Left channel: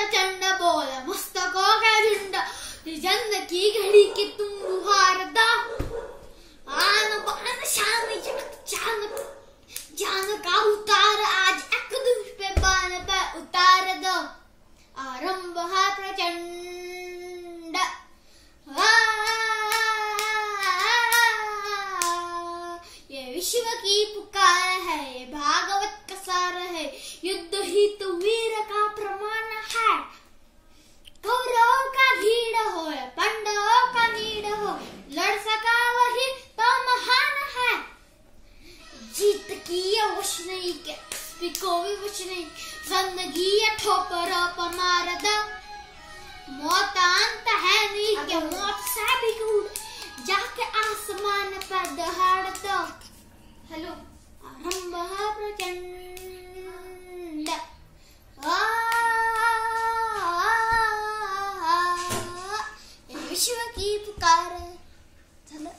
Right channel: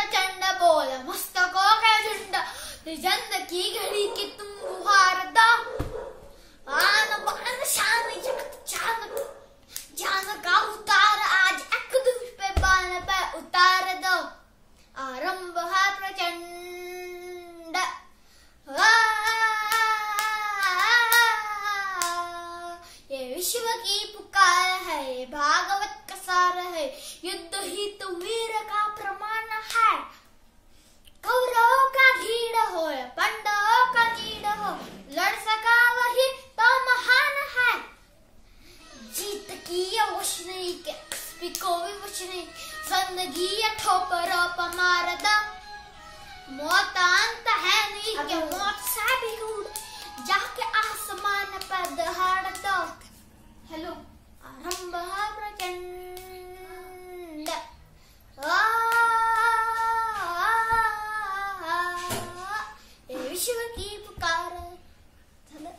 प्रचंड बोल मस्तकों का झुंड जंग की घड़ी की तुम बुहार दो आन बान शान जान जान का उतार आज एक दूसरे पे बान पे उतार दो आरंभ है प्रचंड ये विश्व की पुकार है भागवत का सार है युद्ध ही तो वीर का प्रमाण है कौरवों का भीड़ हो या पांडवों का नीड हो लड़ सका वही तो महान है जीत की ये वश नहीं के को भी वश नहीं जिंदगी ये ठोकरों पर मार दो मौत अंत है नहीं के मौत से भी दूर जाके आसमान पर दहाड़ दो हेलो आरंभ है प्रचंड ये विश्व की पुकार है चलो